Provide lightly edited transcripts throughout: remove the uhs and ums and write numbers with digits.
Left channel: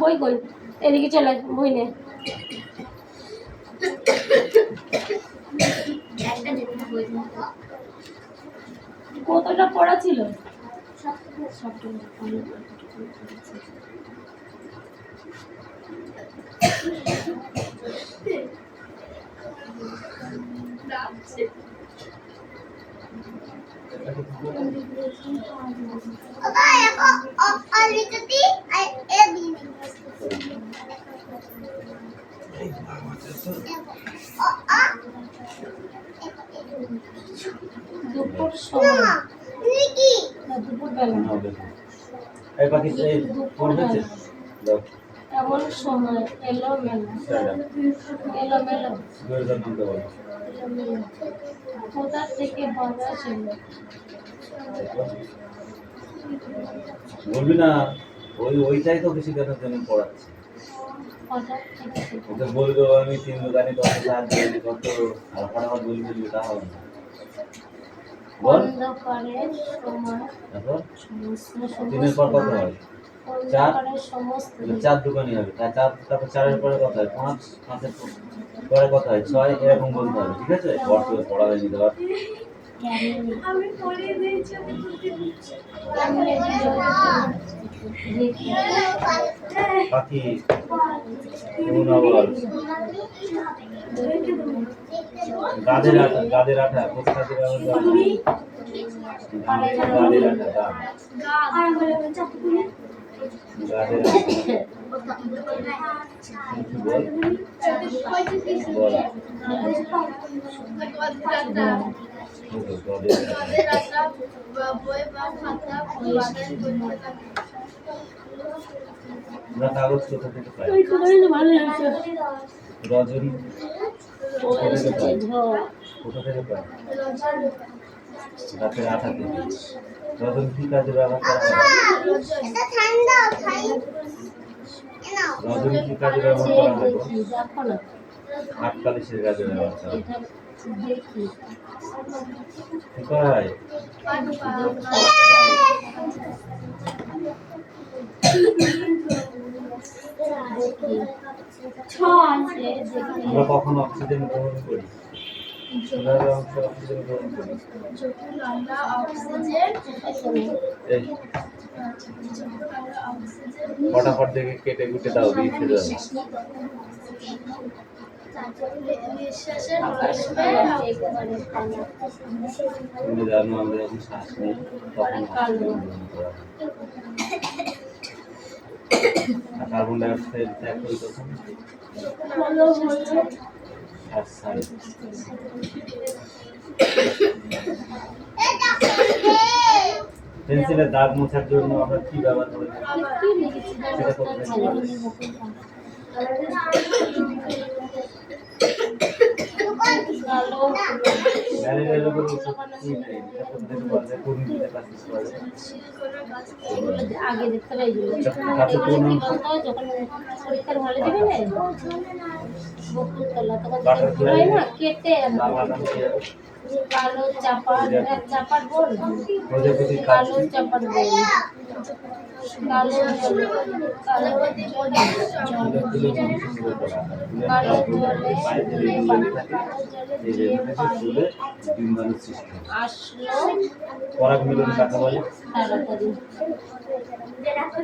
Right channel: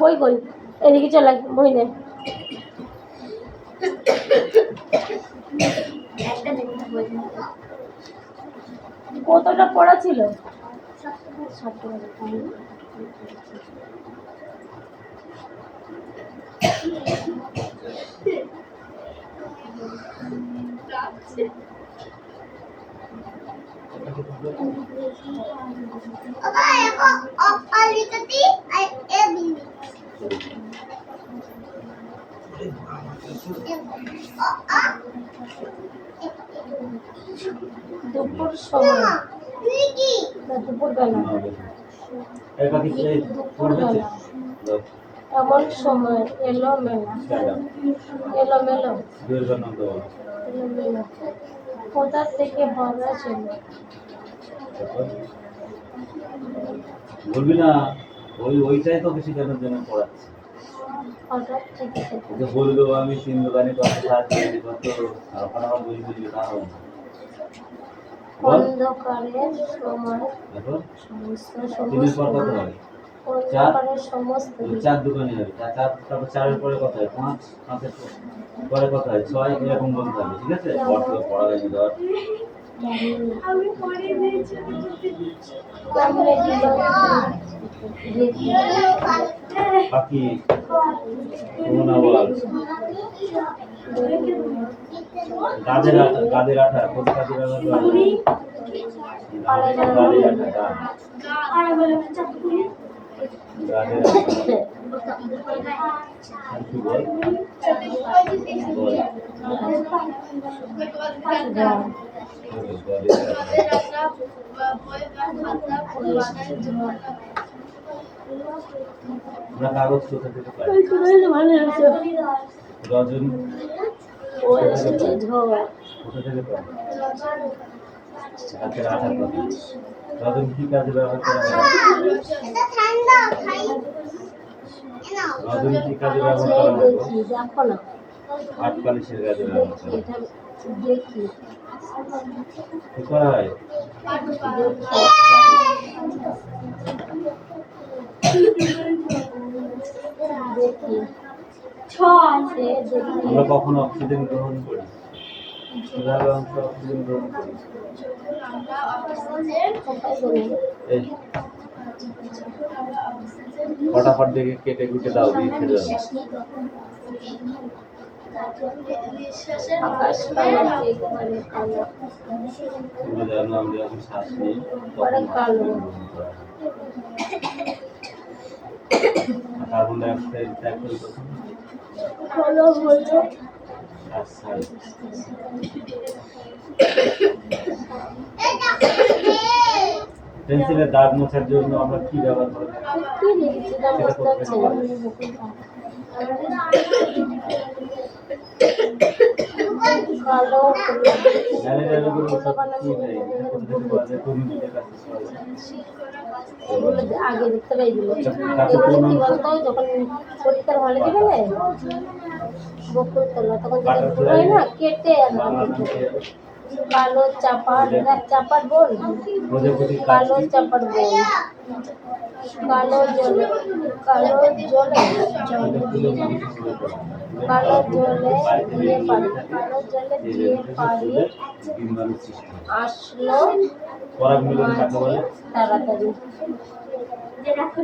বই কই এদিকে চলে বই নে কতটা পড়া ছিল দুপুর সময় এমন সময় এলোমেলো কোথা থেকে ভরা ছিল বলবি না ওইটাই তো বেশি জানার জন্য পড়াচ্ছি ওকে বলে দেবো আমি 3 দোকানে কত সাহায্য কত ফটাফট বলে দিবি তা হবে অন্ধকারের সময় দিনের পর কত হয় 4 দোকানে হবে 4 তারপর 4 পরে কত হয় 5 5 পরে কত হয় 6 এরকম বলতে হবে ঠিক আছে বর্ত পড়া হয়নি ধর আমি পড়ে দিয়েছি পাখি কোন আওয়াজ গাদের আঠা কোন কাজে ব্যবহার করা হয় গাদের আঠা আর বলে চাকুলি গাদের আঠা কি বল আমরা কাগজ কোথা থেকে পাই রজনী কোথা থেকে পাই গাছের আঠা থেকে রজনী কি কাজে ব্যবহার করা হয় রজনী কি কাজে ব্যবহার করা হয় আটকালিশের কাজে ব্যবহার করা হয় কোথায় আমরা কখনো অক্সিজেন গ্রহণ করি কিভাবে অক্সিজেন গ্রহণ করি ফটাফট দেখে কেটে কুটে দাও দিয়ে ছেড়ে দাও তুমি জানো আমরা যখন শ্বাস নিই তখন কার্বন ডাই অক্সাইড ত্যাগ করি তখন পেন্সিলের দাগ মোছার জন্য আমরা কি ব্যবহার করে আগে দেখতে পাই যখন পরীক্ষার হলে দিবে না বকুল তলা তখন না কেটে কালো চাপার বোল কালো চাপার বোল কালো জলে কালো জলে আসলো পরাগ মিলন কাকে বলে তাড়াতাড়ি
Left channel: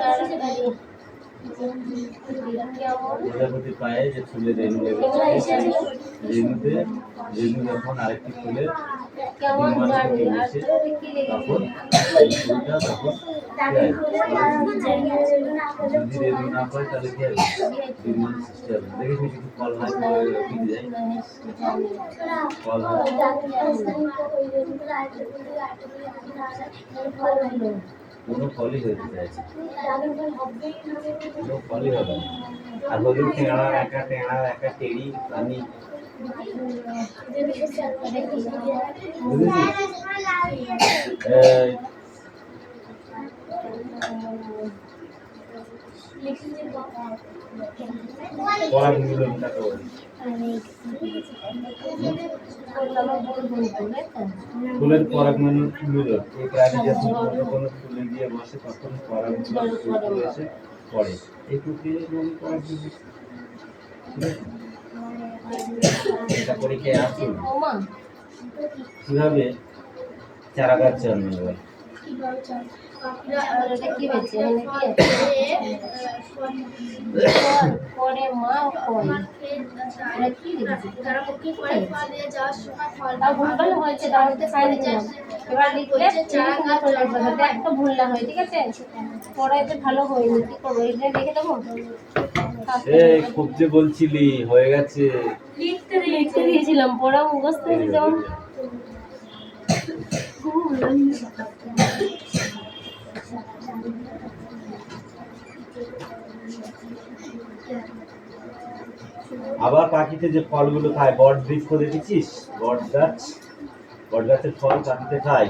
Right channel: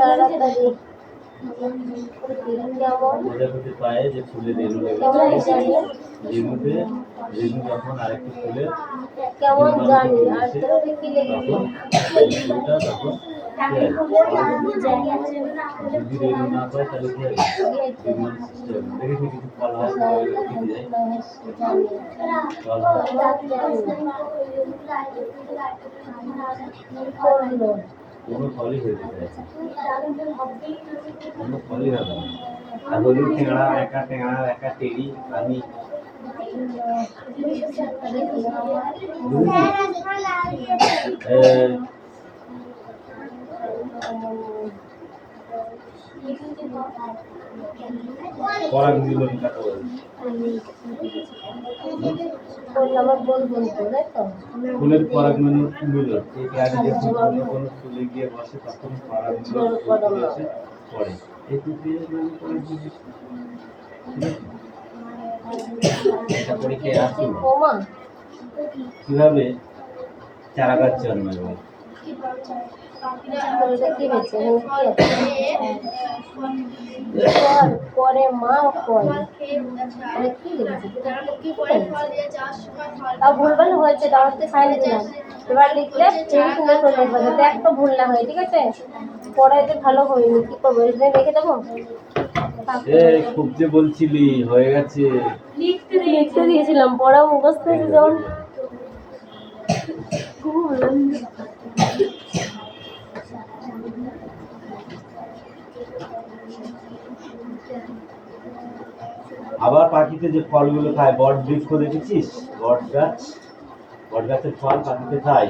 তাড়াতাড়ি কেমন প্রজাপতি পায়ে যে ফুলে রেণু কেমন লেগেছে, এসেছিল? রেণু যখন আরেকটি ফুলে কেমন জানি আর তোরা কি তখন লিখবি? এই ফুলটা তখন যদি রেণু না পায় তাহলে কি হবে? বিমান সৃষ্টি হবে। দেখি কিছু ফল হয় ফল হয় কোনো ফলই হতে চায় কোনো ফলই হবে না। আর হলুদ টেঙা একা টেরি পানি বুঝেছিস? পরাগ মিলন কাকে বলে? ফুলের পরাগ মিলন এই প্রাণী যখন অন্য কোনো ফুলে গিয়ে বসে তখন পরাগ মিলন ফুলে এসে পড়ে। এই প্রক্রিয়ার নামে পরাগ মিলন। এটা পরীক্ষায় আসছে কিভাবে চারা গাছ জন্মায় বল? পরে মা ভুলভাল হয়েছে এবার লিখলে একটা ভুল না হয়, ঠিক আছে? পরে ভালো হয়নি, কি করবো? এটা রেখে দেবো। এই খুব যে বলছিলি হয়ে গেছে, লিখতে দিয়েছিলাম, পড়া মুখস্থ হয়েছে যেমন। আবার পাখিতে যে ফলগুলো খায়, বট বৃক্ষ দেখেছিস? বট গাছের ফল পাখিতে খায়।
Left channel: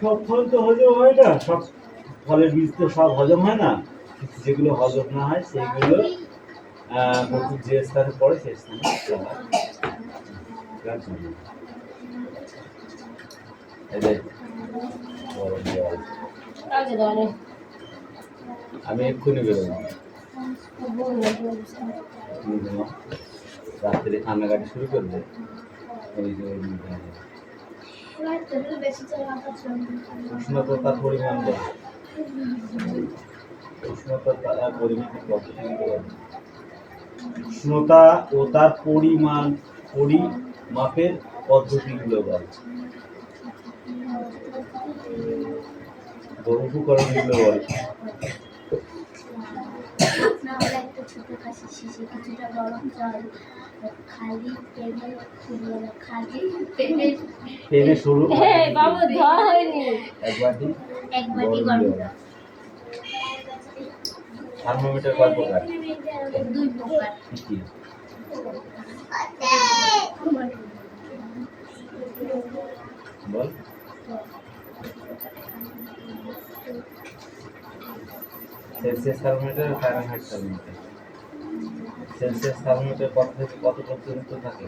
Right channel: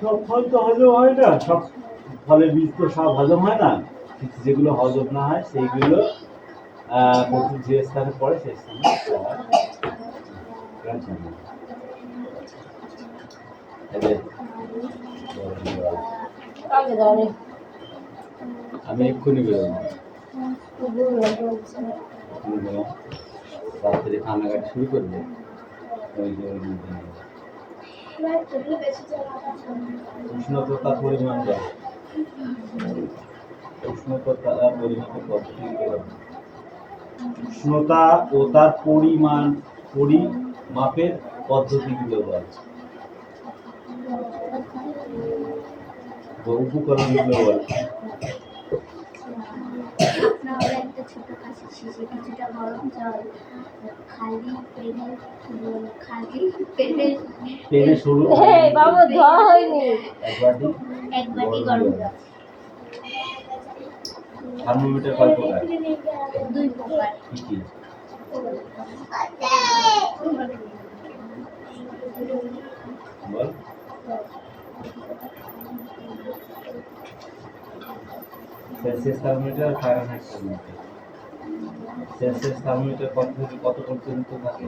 সব ফল তো হজম হয় না, সব ফলের বীজ তো সব হজম হয় না। যেগুলো হজম না হয় সেইগুলো প্রচুর যে স্থানে পড়ে সেই স্থানে আমি এক্ষুনি বেরোবো, রাত্রে কান্নাকাটি শুরু করবে। উষ্ণতার পরিমাণ দেয়, উষ্ণতার পরিমাণের পদ্ধতি দিতে পারবে। উষ্ণতা ও তার পরিমাপের পদ্ধতিগুলো বল, উপকরণগুলো বল। একটা ছোট কাশি শিশি, কিছুটা গরম জল, খালি পেনে শুরু বাবা ধোয়া হয়নি, এক বাটি গরম জল। থার্মোমিটার কয় প্রকার? 2 প্রকার। কি কি? বল। Celsius thermometer, Fahrenheit thermometer. Celsius thermometer কত থেকে কত পর্যন্ত থাকে?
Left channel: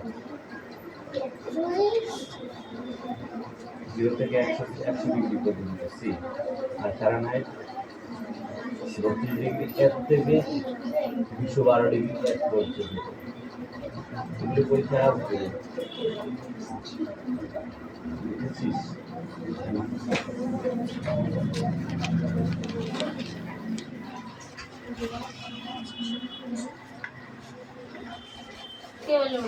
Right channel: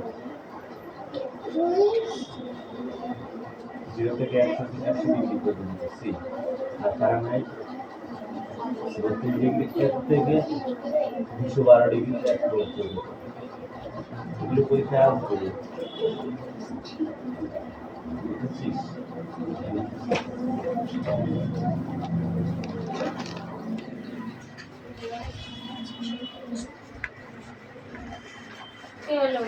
0 থেকে 100 ডিগ্রি পর্যন্ত সি। আর ফারেনহাইট 32 ডিগ্রি এর থেকে 212 ডিগ্রি পর্যন্ত। এগুলো পরীক্ষা আসবে, বুঝেছিস? কি হলো?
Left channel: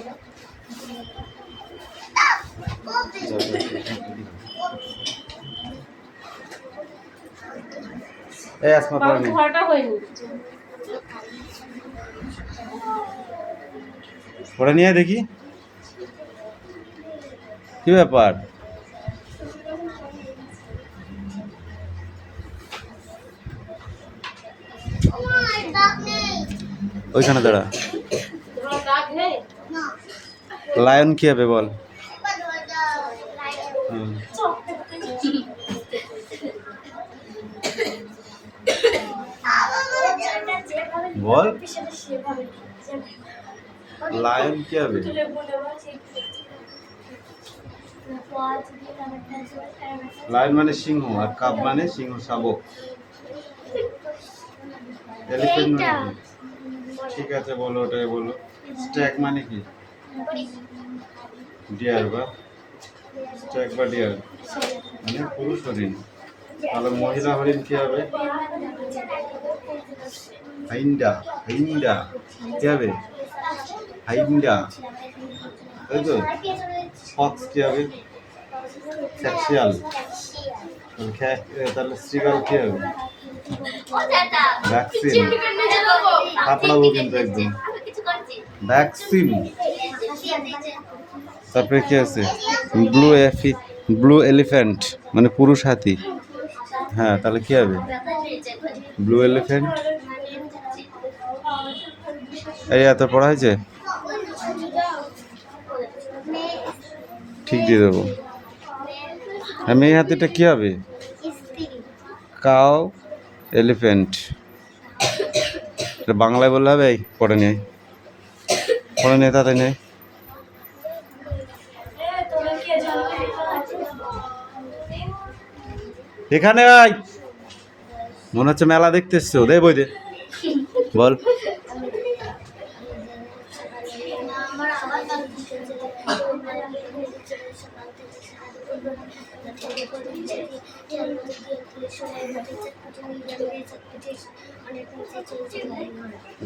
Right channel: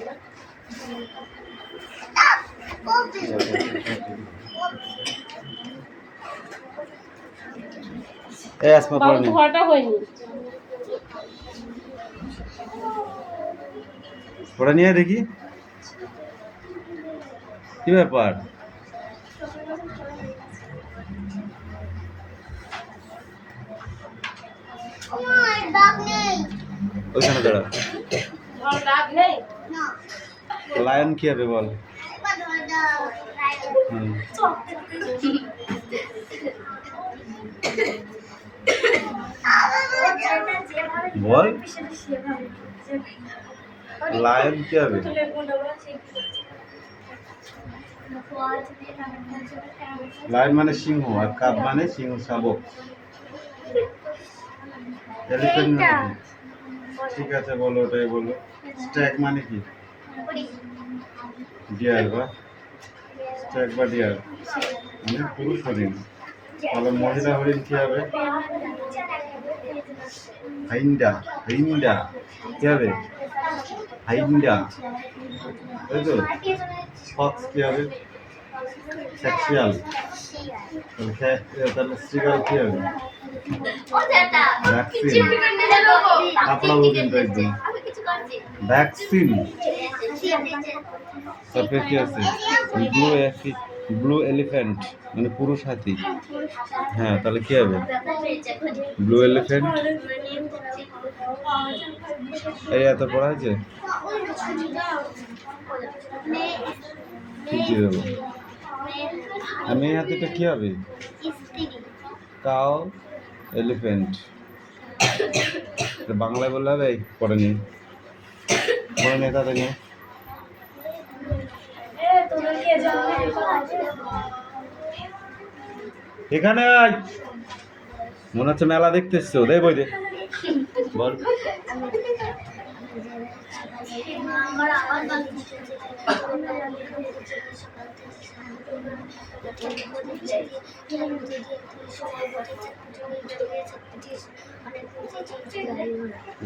এই আসমা পড়নি, ধোয়াটা হয়নি। পড়ে নিয়ে দেখি কি ব্যাপার। ওইখানে দাঁড়া। লায়ন কি হবে বল? বল লায়ন কি হবে? লায়ন মানে সিংহ, আর কাব মানে সিংহ শাবক। এলিফ্যান্ট মানে কি? ঠিক আছে বলো, ওটাই বলো। স্ট্যাগ মানে কি? ডিয়ার বা স্ট্যাগ বা ডিয়ার মানে পুরুষ হরিণ। তাহলে মহিলা হরিণ কি হবে? হাইন্ডা হাইন্ডা কি হবে? হাইন্ডা, তাই তো। ফক্স কি হবে? সেক্সুয়াল। তাহলে সিগাল কি হবে? ভ্যাকসিন। কাপড়াবো কিন্তু একদম। ভ্যাকসিন। তারপরে কি আছে? ব্লু এলিফ্যান্ট মানে পুরুষ হাতি। হ্যাঁ, তাহলে কি হবে? Blue elephant. এই এত পড়া হয়েছে, ঠিক দিয়ে দেবো। আর মেয়ে হাতিটা কি হবে? Cow elephant. বাংলায় বললে হবে? এই পড়ে নে, পড়ে নে, তাতে নে। এখানে আয়, মনে হচ্ছে মেলা দেখতে এসছো। দে বই দে, বল।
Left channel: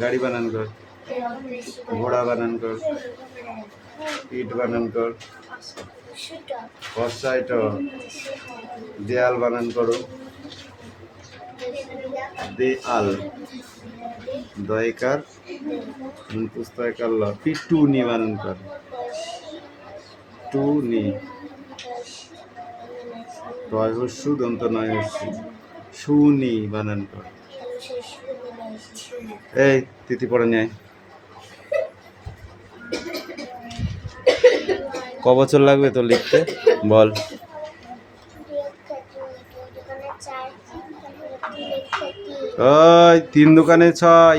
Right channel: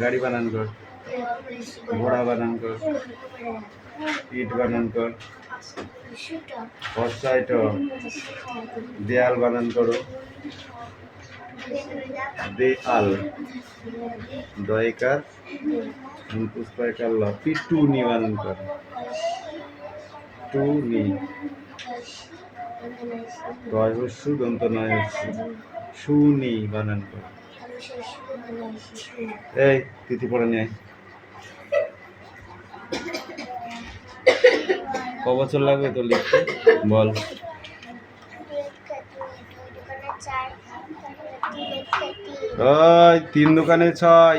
গাড়ি বানান কর, ঘোড়া বানান কর, ইট বানান কর, বর্ষাইট, দেয়াল বানান করো। দেয়াল দয়কার পুস্তকাল পিটুনি বানান কর। টুনি টয় হস্যু দন্ত নয় হস্যু শুনি বানান কর। এই তিথি পড়ে নেয়। ক বছর লাগবে তো লিখতে, বল। ওই 3 দোকানে 6।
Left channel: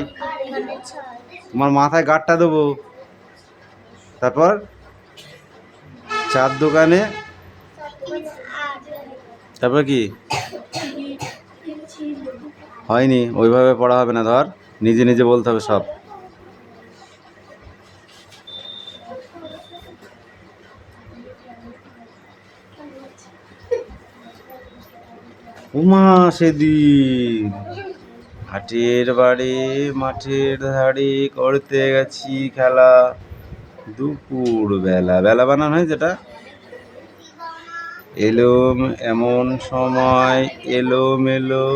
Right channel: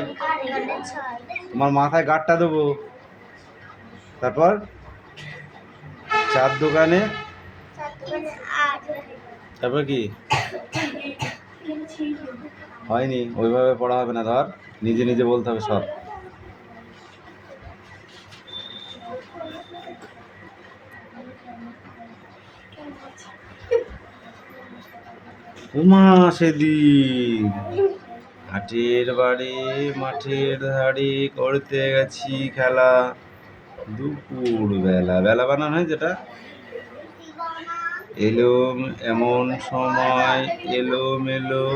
তোমার মাথায় গাঁটটা দেবো। তারপর 4 দোকানে, তারপর কি হয়নি? ওইভাবে পড়া হবে না, ধর নিজে নিজে বলতে হবে সব। উমা সেদিন হাটের বাড়ি মাঠের ধারে করতে গেছি খেলা, দুপুর বেলা। বেলা বানান হয় যেটা। এলো এমন সময় এলো মেলো,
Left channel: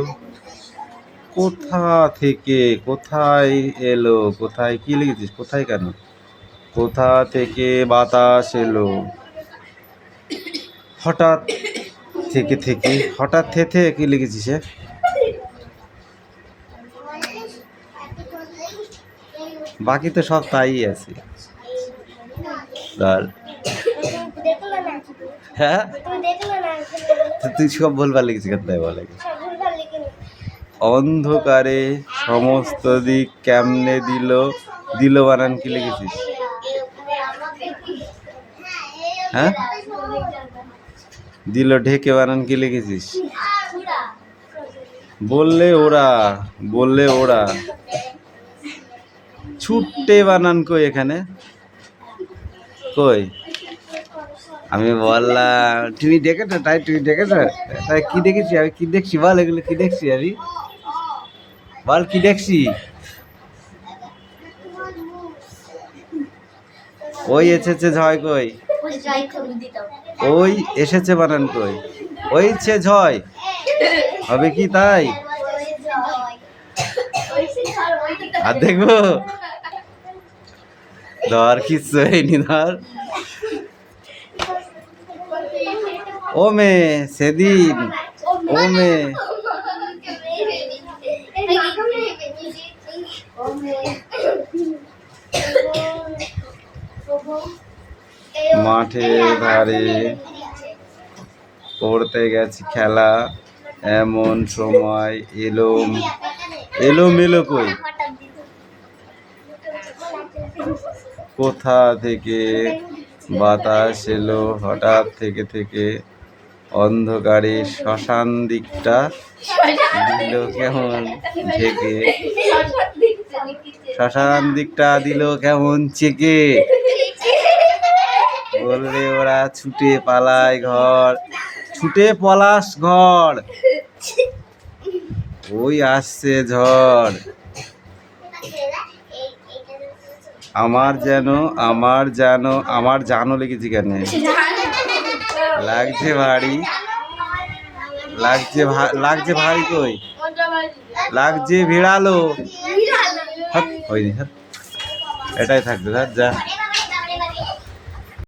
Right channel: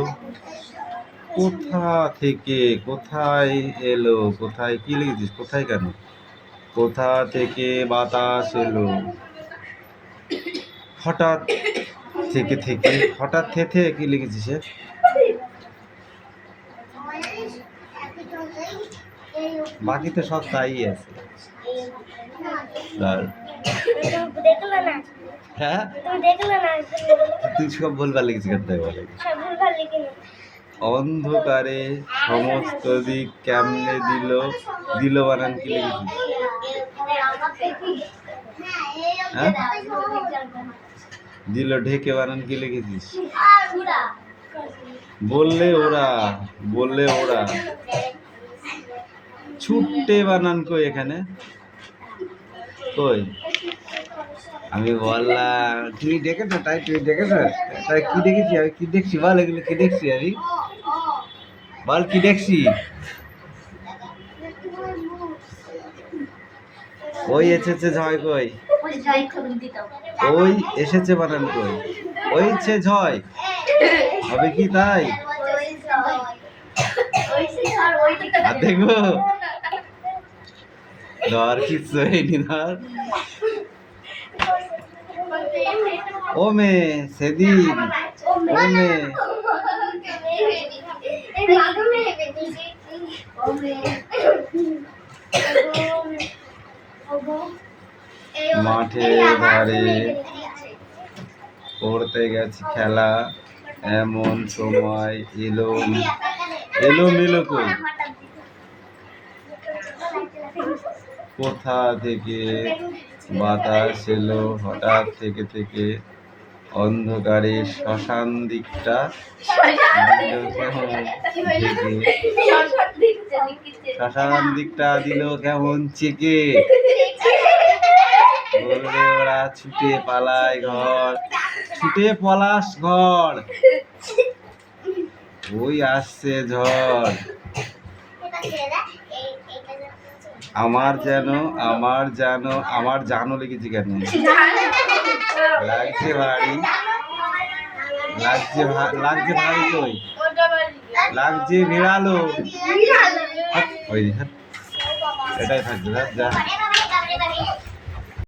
কোথা থেকে কোথায় এলো। কোথায় কি লিখেছিস? কোথায় কেন? কোথা থেকে বাতাস এলো, হঠাৎ থেকে থেকে, হঠাৎ থেকে কি লিখেছিস? বাকি তো সব তাই আছে। হ্যাঁ, তুই সব ভুলভাল লিখেছিস, তাই বলে। অন্ধকারে সমস্ত দিক কেমনে দিল, দিল বানান কি লিখেছিস? হ্যাঁ, দিল ঢেকে বানান কি লিখেছিস? বললে ওরা, বললে ওরা। ছুটে বানান কই এখানে? কই আমি বললাম তুমি দেখেছো, তাই তুমি দেখেছো, তাই কি দেখেছি আমি? কি দেখছি বল, এগুলো কি দেখছি আমি? বল কি দেখছি? ওই এসেছে ঝয় কই? ওই এসেছে বানান কই? ওইছে ঝয় হবে কি তাই? আর দেখবো ধর, কিচ্ছু হয়নি ধর। ও মে সেদিন, ও মে মাঠে ধারে করতে গেছি খেলা, এমন সময় এলো এলো মেলো কই? কোথা থেকে বাতাস এলো, হঠাৎ থেকে থেকে, অন্ধকারে শ্মশান দিকটা দিল কেমন ঝেঁকে, শ্মশান দিকটা দিল কেমন চেকে। বললে ওরা ছুটে পালায় ঘর, ছুটে পলাশ ঘর, ওই আসছে ঝড়। আমার জানো লিখেছি কেন? লাগছে ভারী, লাগছে ভারী কই, লাগছে ভিড়ালো। হাট, ওই হাট। এটাই থাকবে, যা।